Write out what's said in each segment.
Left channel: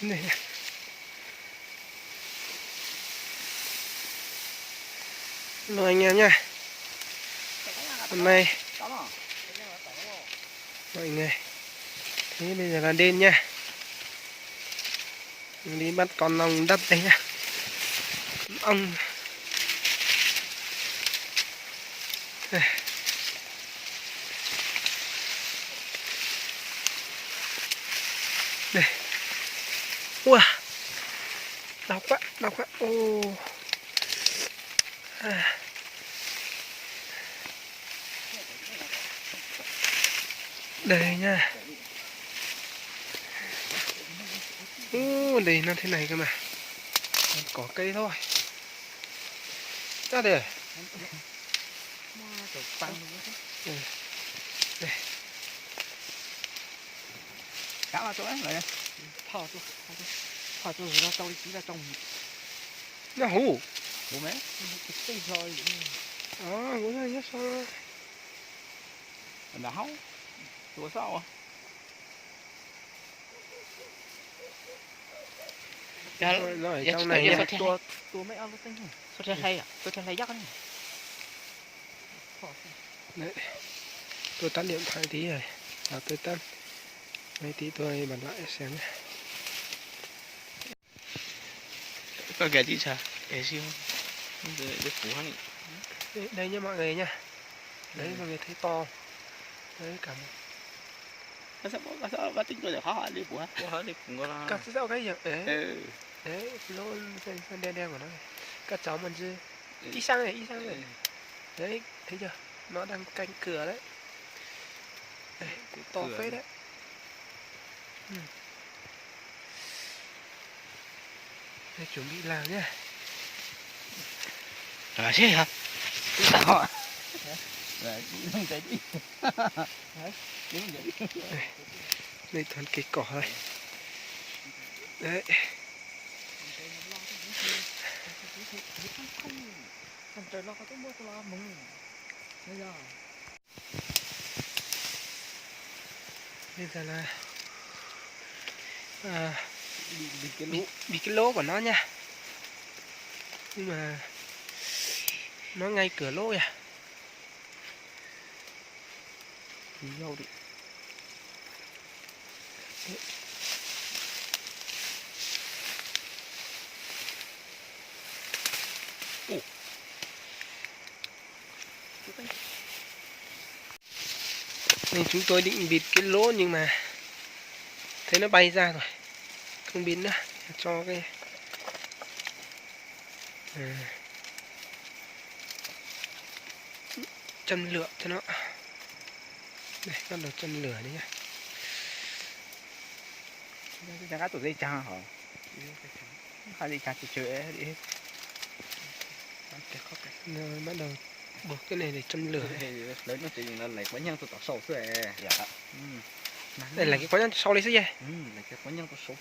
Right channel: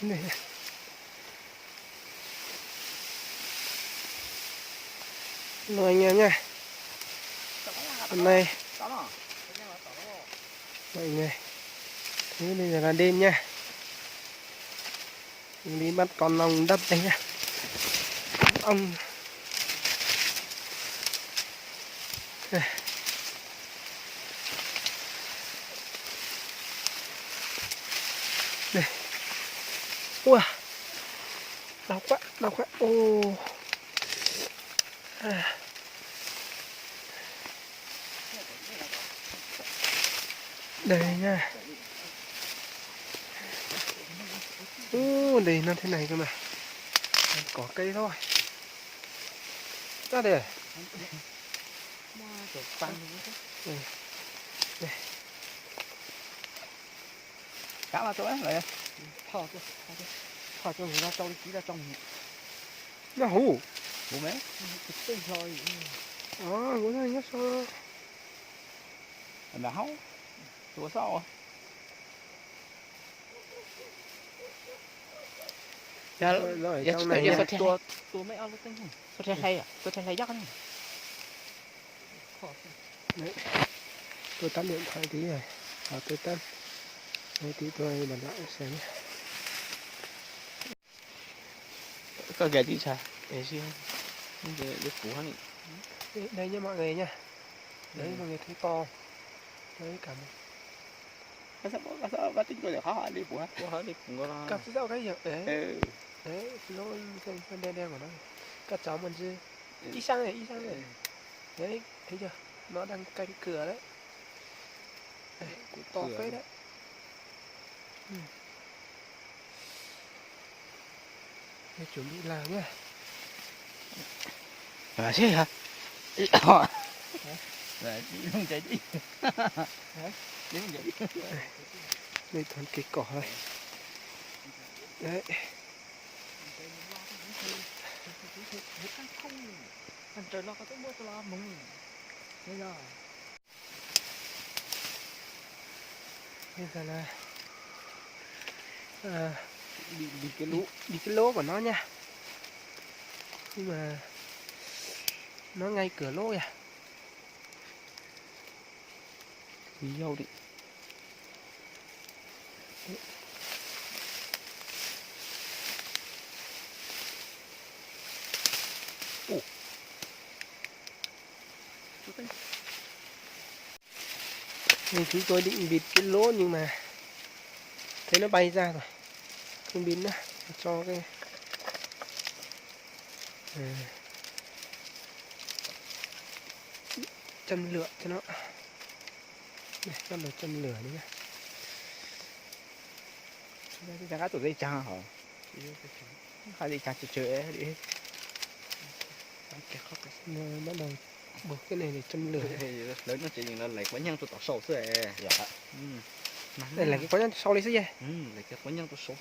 Đây nha. Hello anh em nha. Hôm nay mọi người, thế bây giờ là đêm nha, đi bắt con ong đất đây nha. Ong đây. Ua, đau quá. Ô. Đây nha. Đây nó thế này cơ mà. Có cây thôi. Ra đây. Đây. Cá vào chỗ đó rồi. Thò cho người ra trong, chỉ ra trong. Nó hú. Bố mấy? Cái rồi. Bố này nhá sao? Đá. Ủa sao? Nó ở trong này nha. Tôi mấy ao tinh không? Sao thế hay à? Tôi thấy dắt này. Đấy. Tôi tắt điện thoại tí rồi. Tôi tắt. Đây tí tôi bật lại xem nhé. Có cái gì sao? Cái gì không? Để phủ hắn. Đây nhá mọi người nha. Đấy mọi người thấy to. Đấy cả một. Sao bắt tính tôi để khó đi phủ hắn. Phủ hắn đi phủ nó. Cắt dạo cái gì? Ừ. Đấy, nó đen của nó này. Các cháu mình chứ. Đi sang này. Đấy, thấy chưa? Nó đang canh cửa đấy. Đây, cũng to phết đấy. Đây, chuẩn bị làm nhá. À thế hả? Rồi, không chạy đi. Đây toàn cây cỏ thôi. Đấy. Trời nó có cái mưa to mông. Bây giờ là bị cái lỗ của nó nha. Nhưng mà nó ngay cửa lỗ à. nhiều đi. Nên chúng tôi định bịt cái lỗ nhưng mà thấy nó bay ra rồi, không bịt nữa, cho cái châm lửa cho nó. Đây, bắt đầu châm lửa đấy nhá. Cái cá tụi dây chăng hả? Hai dây chăng chơi đi. Rồi bắt đầu buộc cái này để châm lửa. Lấy nó thì nó lấy quán nhân tôi tỏ sầu thế. Dạ. Đây là cái quán nhân sau đây chứ gì? Lấy cái quán nhân tôi sầu.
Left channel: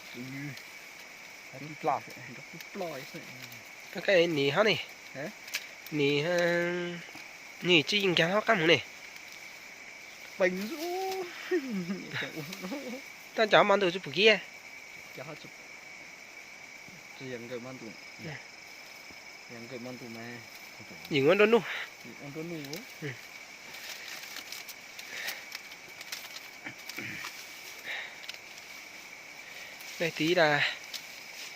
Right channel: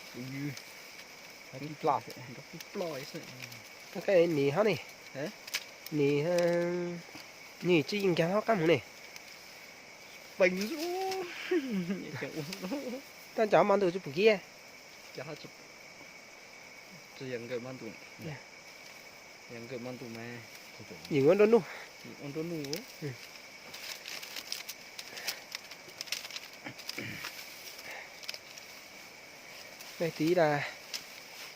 Cái plot, cái plot ấy. Cái nỉ hả này? Thế? Nỉ nỉ chỉ in cái nó cắm này. Bình dữ. Ta cháu mang từ chỗ kia. Chả chụp. Chỉ yang cái mang tụ. Yang cái mang tụ mà. Nhìn con đôn nu. Con đôn nu. Đây tí là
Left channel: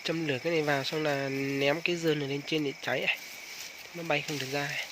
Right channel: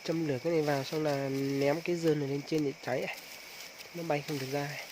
châm lửa cái này vào xong là ném cái dơm này lên trên để cháy này. Nó bay không được ra này.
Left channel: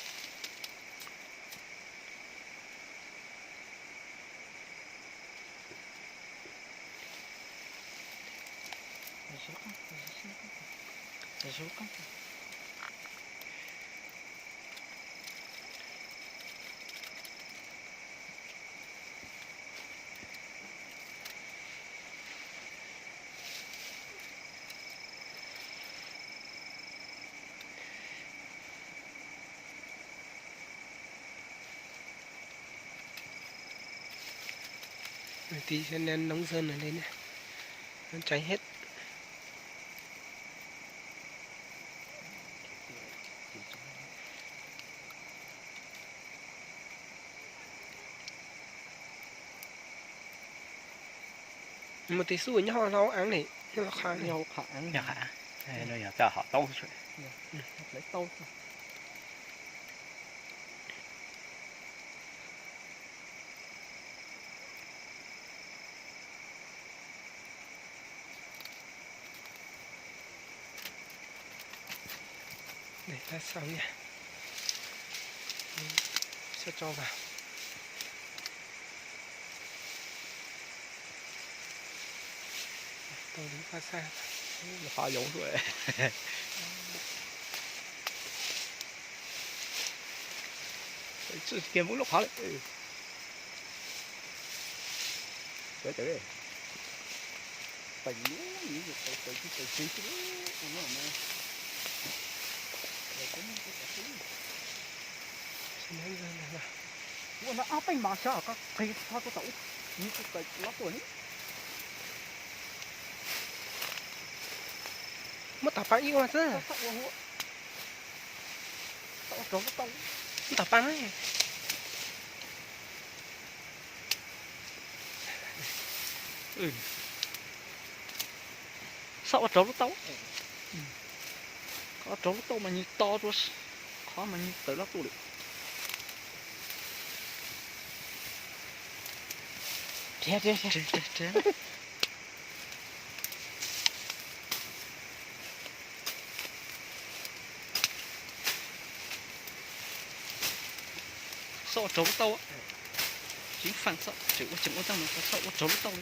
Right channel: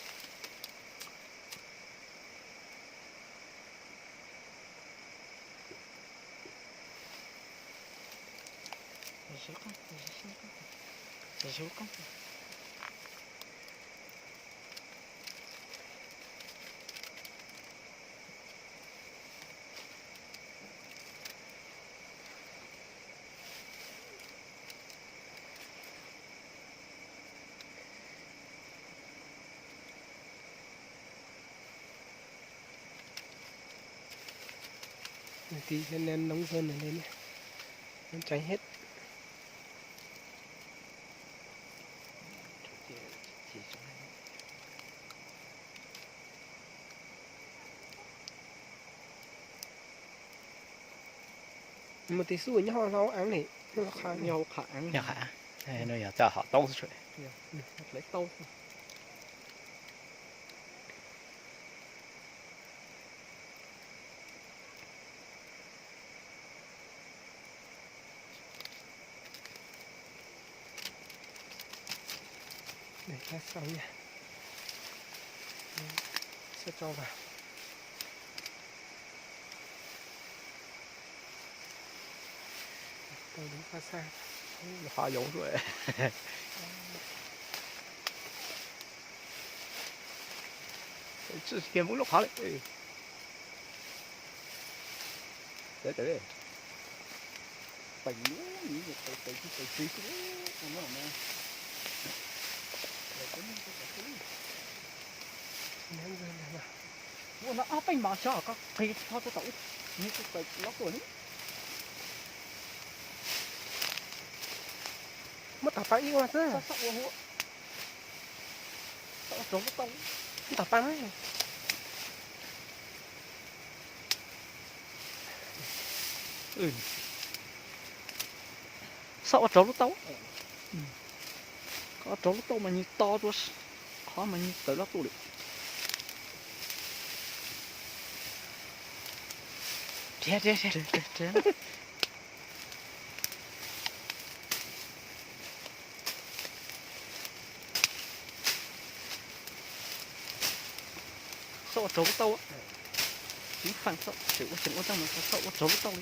Tí sẽ ném nóng dơm này lên nhé. Nó cháy hết. Một tí xui nhá, rau áng này nó khó này. Nhau khả nhà hả nó nhà cha họ tao rồi lấy tao Để ta xong nha. Sẽ cho vào. Tôi đứng xa xa. họ giống rồi kia muốn lúc họ đấy để phải nhú như vậy phải chú nó Xin lỗi rồi mà. nó áp anh mà sao có khi sao có tẩu như cái lót rồi Mất tập bắn yêu mà chứ. sắc quá hộ tao tao Tập bắn ấy. sao trâu lúc tao trâu lúc tao mà như to rồi khó mà như tới lót tôi được Trẻ. Sao trâu lúc tao á chúng phản sao chịu có tao mà sao trâu lúc tao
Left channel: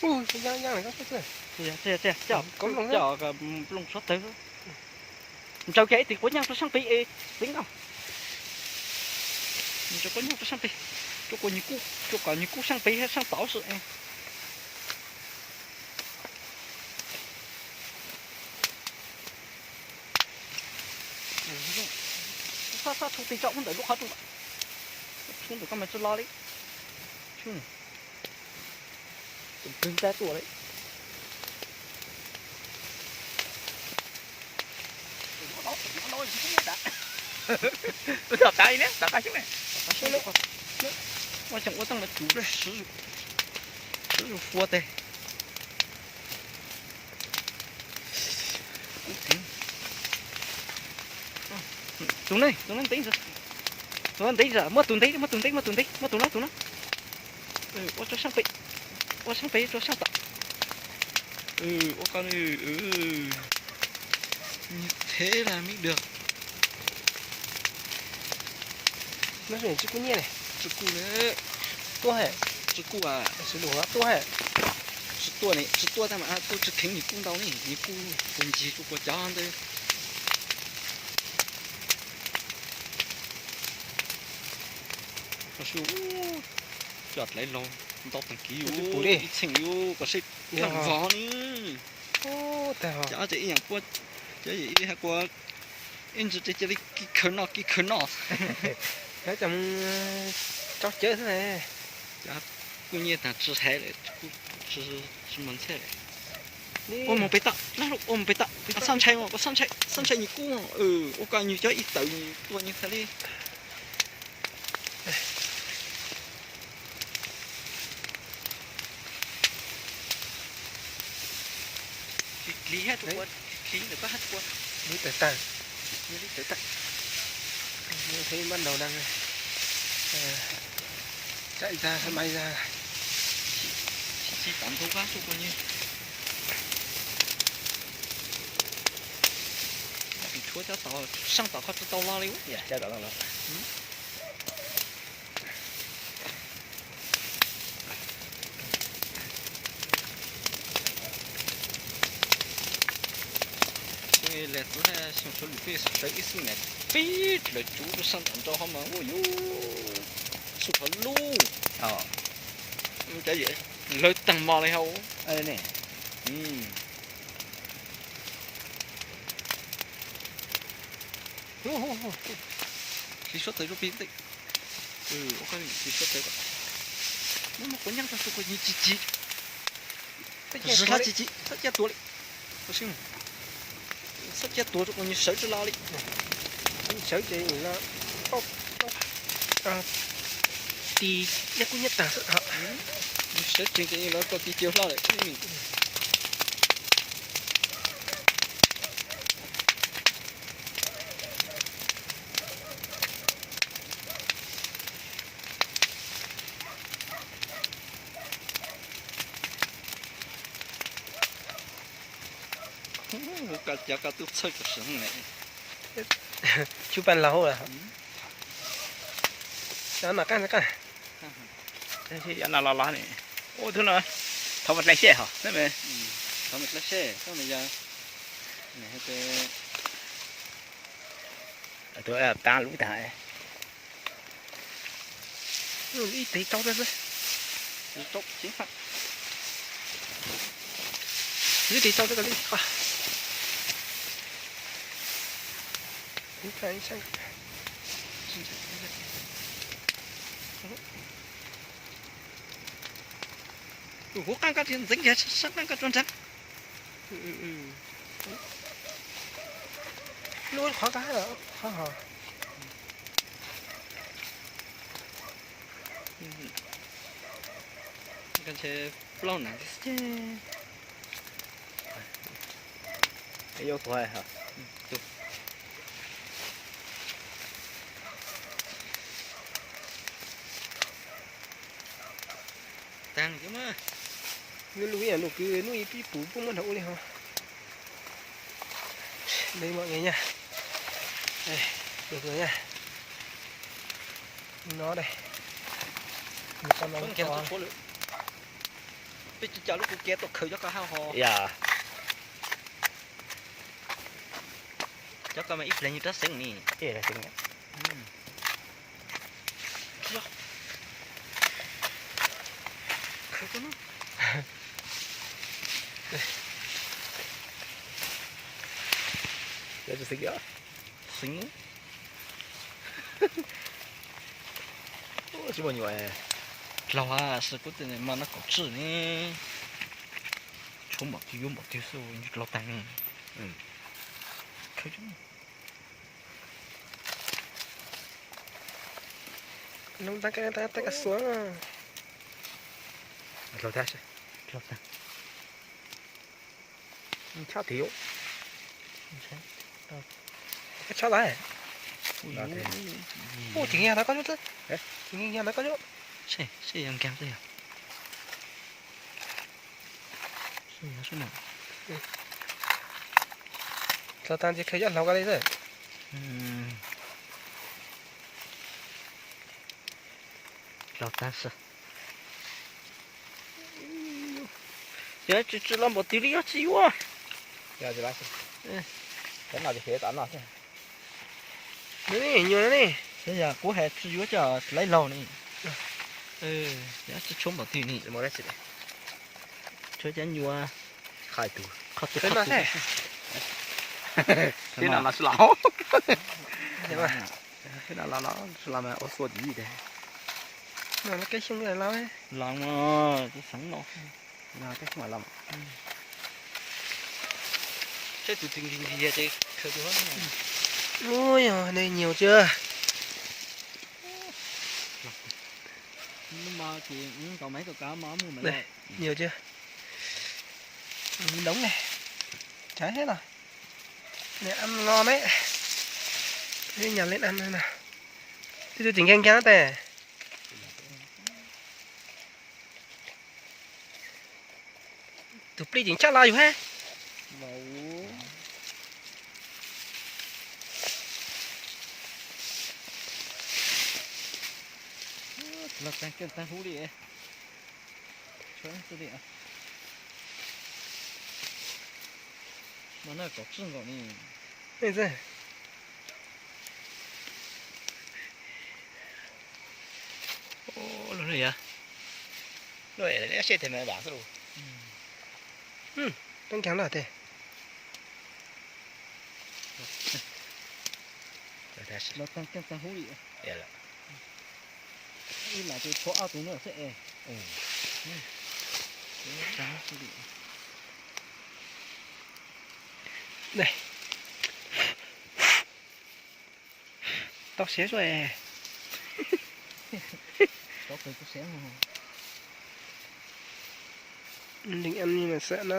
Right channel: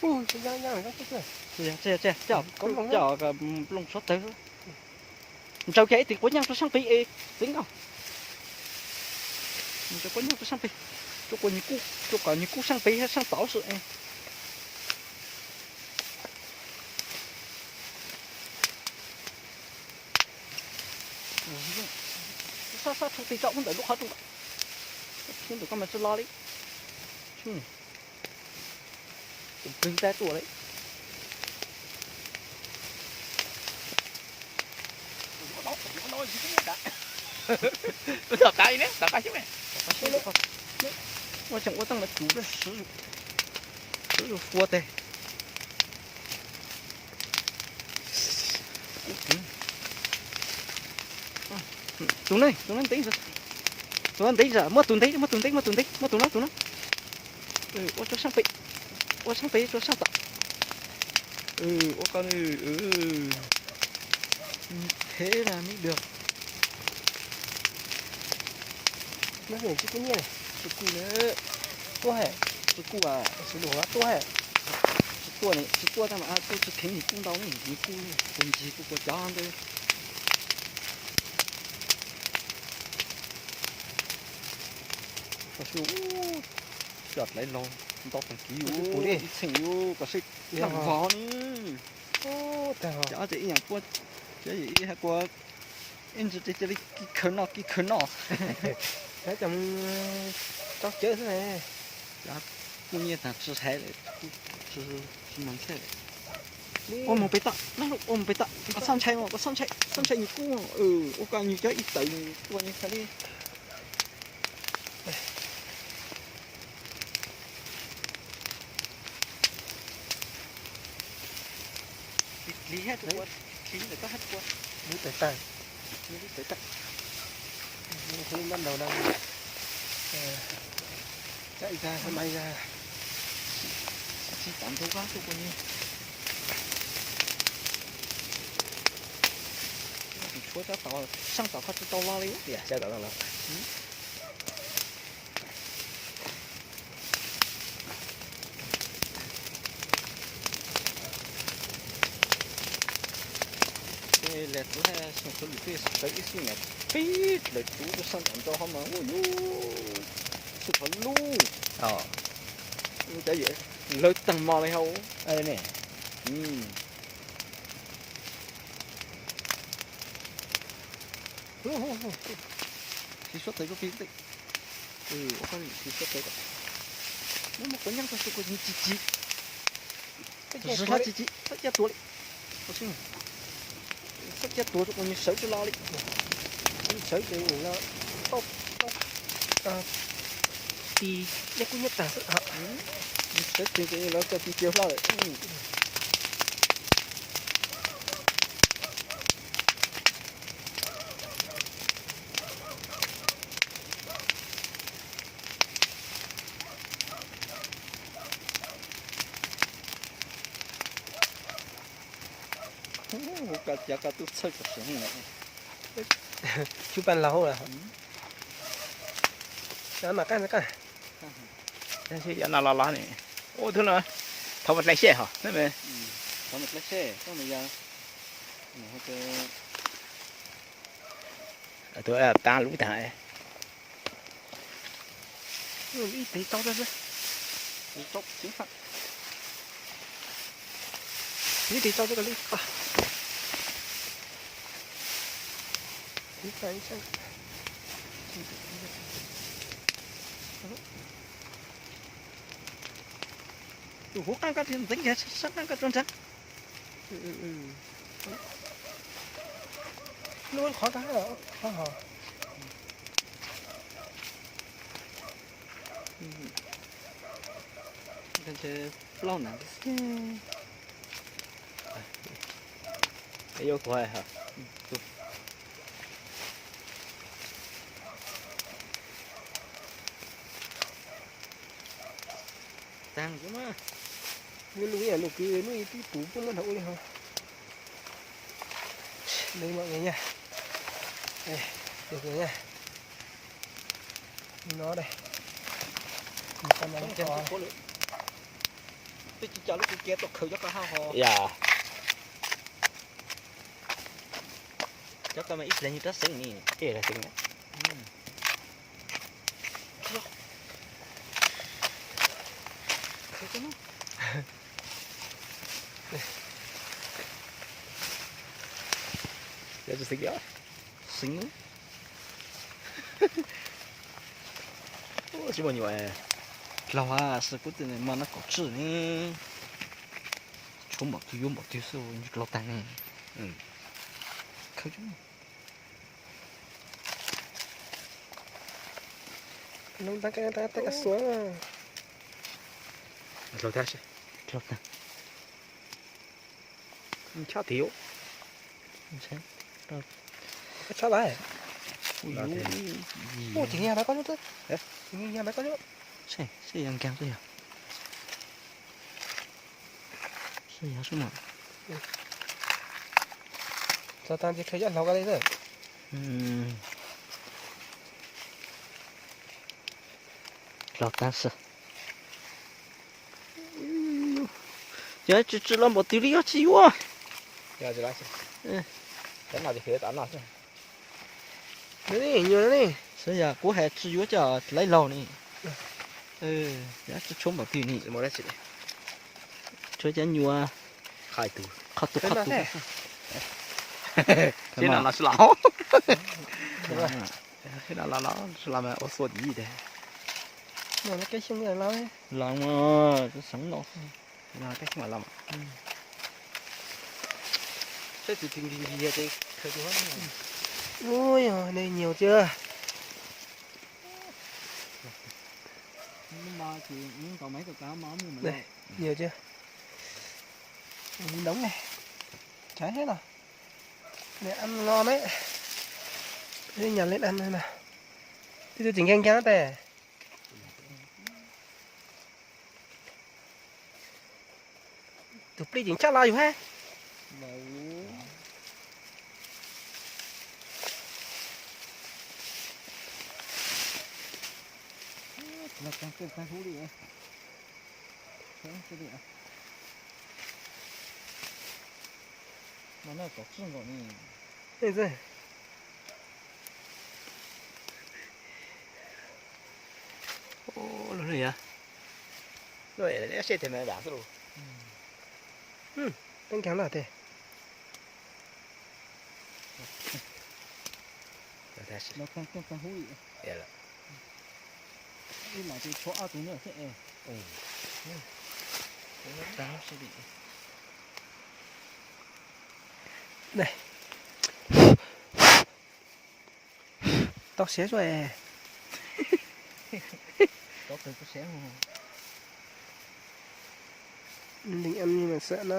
Ui, nhang này các thứ này. Chà, Có luôn á. chà cái lông sót tới cháu cái thì có nhau cho sang pi tính không cho có nhau cho sang pi cho có như cú sang pi hay sang bảo sự em phát thông tin trọng đỡ lúc hết luôn không được con mày lo đấy chứ cứng tay tuổi đấy tập cái nhé tập cái chứ mày nó chẳng có tăng là chủ ra sử dụng phua tê tụi nó tính rồi mất tụi nó cho sang pi cho sang tọt con thế là mới được Nó chuyển chữ cũng như này. chữ cu nữa Tua hệ. chữ cu à Sử dụng nó tua hệ. chữ tua này chữ tua ta mà tôi chữ kính nhị cung đâu này nhị cung cùng gì của cháu đây có số chọt lấy lon tao thằng kí Bù đi. thằng yêu có xịt thằng vó nữa Ô, tao. cháu chỉอย่างqua cháu chỉ hay qua em chỉ cái khờ nọ Nó chồng cho chơi thế này. cô nhiên thằng chưa thấy đấy chưa mắm thế Đi. ôm một bê tạ ôm bê tạ có săn chay nhị cung ô coi như cháu ít tự tôi như thế đi lý hết rồi lý là có hết qua Đi tới tàng. lý tới tận Như thế ban đầu đang chạy ra sân bay ra. chỉ tạm thấu quá thôi coi như chúa cháu tàu sang tàu khó tàu lo đi dạ xe đậu rồi cái lẹt là xong số lưỡi tới ít xíu này pít rồi chú nó sang tận cho họ mà ôi yo sụp hẳn luôn cái gì lợi tăng mò này hậu đây nè chỉ xuất tới lúc pin tị ok chỉ xuất tới nó mà có nhang ta số có như chị rất là chị rất là tuổi có xin rất là tuổi có như sợi cho lo đi Sợi chị nó tốt. Thì nhất cũng nhất là họ sẽ chừng cái nó có tí chiếu lại cả giá cả tốt chơi của sướng này chụp bàn lâu là đó mà cắt thế thì nào là này ô thứ nào thằng một này xe hả thế mày không một lát xe xong bây giờ này hay tôi ta lũ thằng ít tí tao ra tốt chính phạt ít tí tao ra cái đi đi phải sang đủ các cái tiền dính hết sắc các con trắng luôn khó cái là khó hả cái chế plon này cái vô thôi hả tan chứ mà nuôi à nuôi cứ nuôi bí bú cũng muốn hậu đi không đây mọi người nha đây được rồi nha nó đây một con nó kéo số lượng bây giờ lúc kéo tôi khởi cho cả hai hồ dạ cho cả mấy ít lên như tất sinh nè thế là chính khởi cho nó giờ tôi xính xính chứ bao nhiêu lâu à sự quyết định mà nó có chữ nè chúng bảo tiêu một tiêu số như lâu tăng khởi cho nó ta cái xuống rồi thế lâu tăng cho thiếu cái chó lại ô chỉ nghe nó có chút thôi chỉ nghe nó có chút xe ăn cam thế xe ăn số nào cho ta chỉ khơi cho lâu cái đấy rồi lâu tăng sợ giờ chỉ làm một tí đi chứ quá giờ thì bác cái nào thì phía tán nào chứ đấy nhiều đấy nè bây giờ cố hệ chỉ có chờ lấy lâu này giá chỉ trốn một tí này một đấy chị chơi chén nhiều khai từ cái nào thế thế nào là lão thế mà thế nào là lão làm ở số gì đấy nó cái súng này lâu ấy làm cái sống nó là cái mà làm thế tụi tình gì vậy khởi cho hết ôi giời đây nhiều chưa nhưng mà chị có mấy cái cá máu mua mấy đây nhiều chưa đống này cháy hết rồi để ăn ngon đấy đi nhặt lên ăn thôi nào thì tôi chỉnh canh cá tè tụi đi chỉnh chắc làอยู่ha màu là tăng hú đi chơi cái gì à mà nó có chân rồi nè đây rồi ô nó gì à rồi để xe thì mày bảo rồiต้องแข็งหน่อยเต้ rồi thế nó tăng hú đi dạ là đi lại tôi cho tụi nó sẽ này tóc xé rồi có cây có xén không? Định ăn nhưng mà sợ nó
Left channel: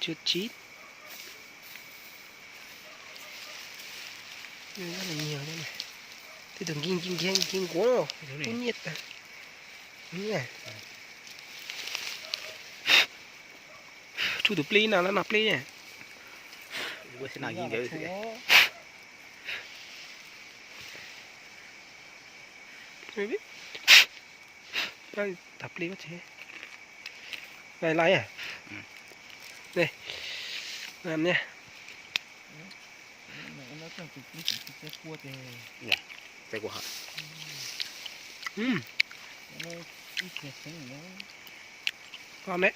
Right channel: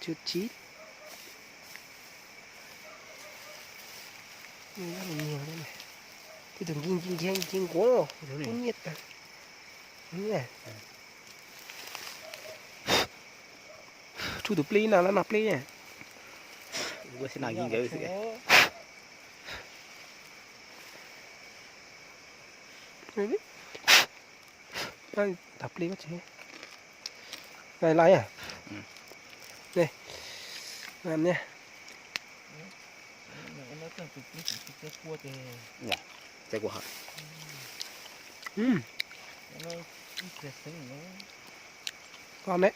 chưa chín. Rất là nhiều đây này. Thì đừng kinh quá đâu. Cũng nhiệt à. Đúng này. Chú tụi pli nào nó nạp pli nè. Gue sẽ nào vậy thì Mới biết. Tập pli có chứ. Này lấy à? Đây. Làm nha. Nó trong cái cua thì cái của họ. nó ít cái xén nữa. Ngon đấy.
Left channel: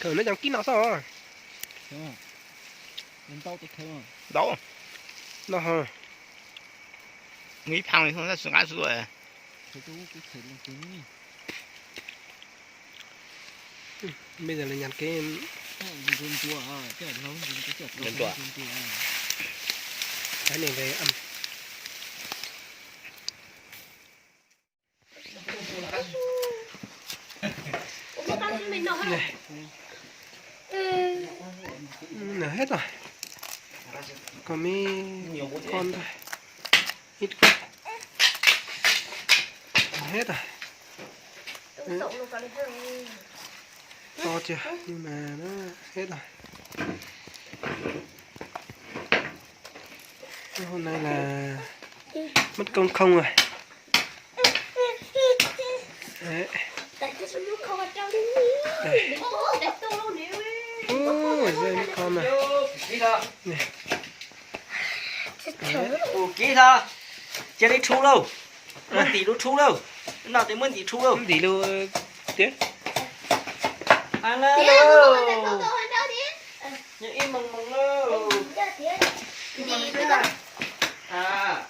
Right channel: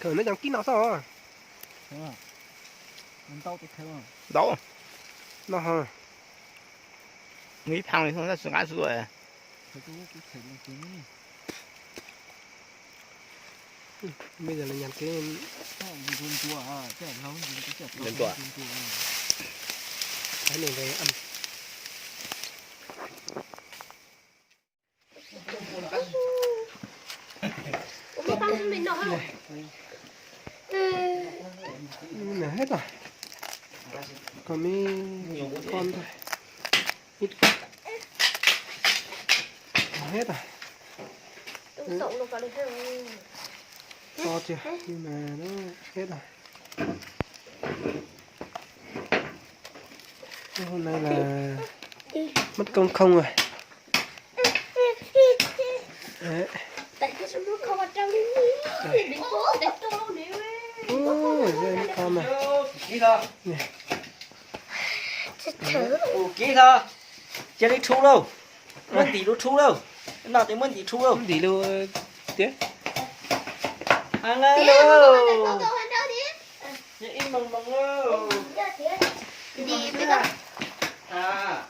Thử nó chẳng kín nó sao à? Đúng không? Mình tao thì không. Đâu? Nó hả? Nghĩ thằng này không ra xuống ăn rồi. Phải chú cái thử lên kính. Bây giờ là nhặt cái Run chua à, chứ là lâu dùng cái chợ Run chua. cái này về ăn. Này. Nở hết rồi. Còn mấy con thôi. Ít con. Hết rồi. To chưa? Nhưng mà nó hết rồi. Hôm nay là mất công không rồi. Đấy. Đây. Ôi, đây mấy con này. Này. Ủa kỹ thôi. Chưa đi thu đâu. Mân tí đâu thu đâu. Nào tới mân tí thu đâu. Tí luôn tiếng. Hello. Những im mừng mừng đâu. À.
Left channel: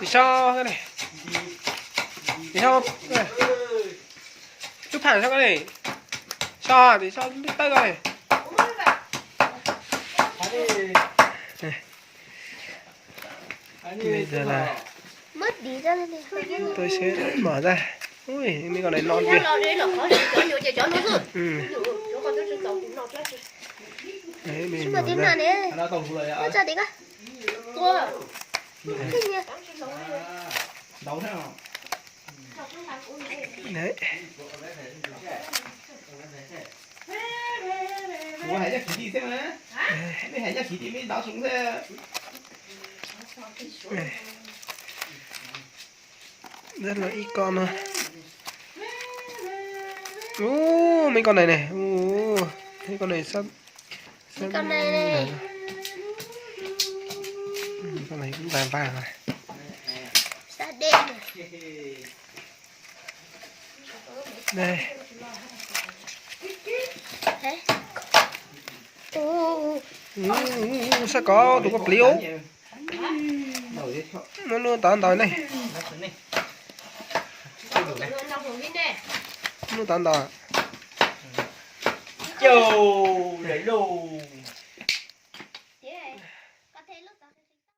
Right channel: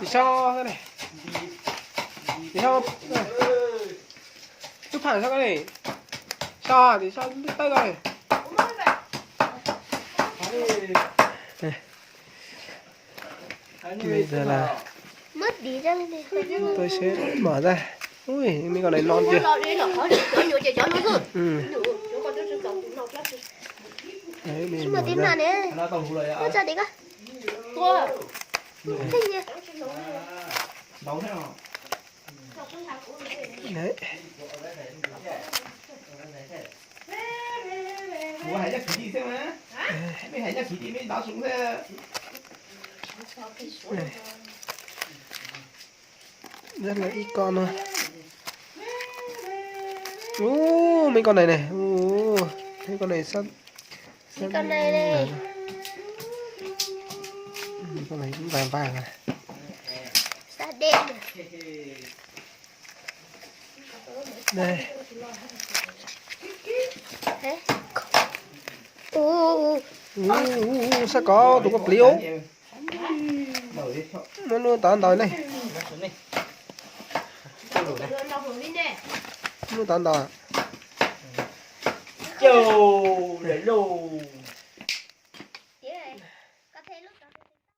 Thì sao cái này? Thì sao? Chụp hẳn sao cái này? Sao thì sao biết tay cái này? Bây giờ là mất đi ra đây này. tôi sẽ mở ra. Ui, mấy con này non kìa. Ừ. Đấy, mình mở ra. Nó tàu rồi à. Nó ra đi cả. Cái gì? Nấu thế nào? Đấy. Ủa hãy ra khí đi xem á. Đây hãy ra khí đi mới đáo xuống xe. Này. Rất là ít con thôi. Mấy con này này. Mấy con này sắp Con này này. con này cũng vàng vàng này. Sa đen này. Đây. Hả? Sao có đủ có liếu. Nó luôn tán đòi này. Nó tán đòi. Châu, để đâu.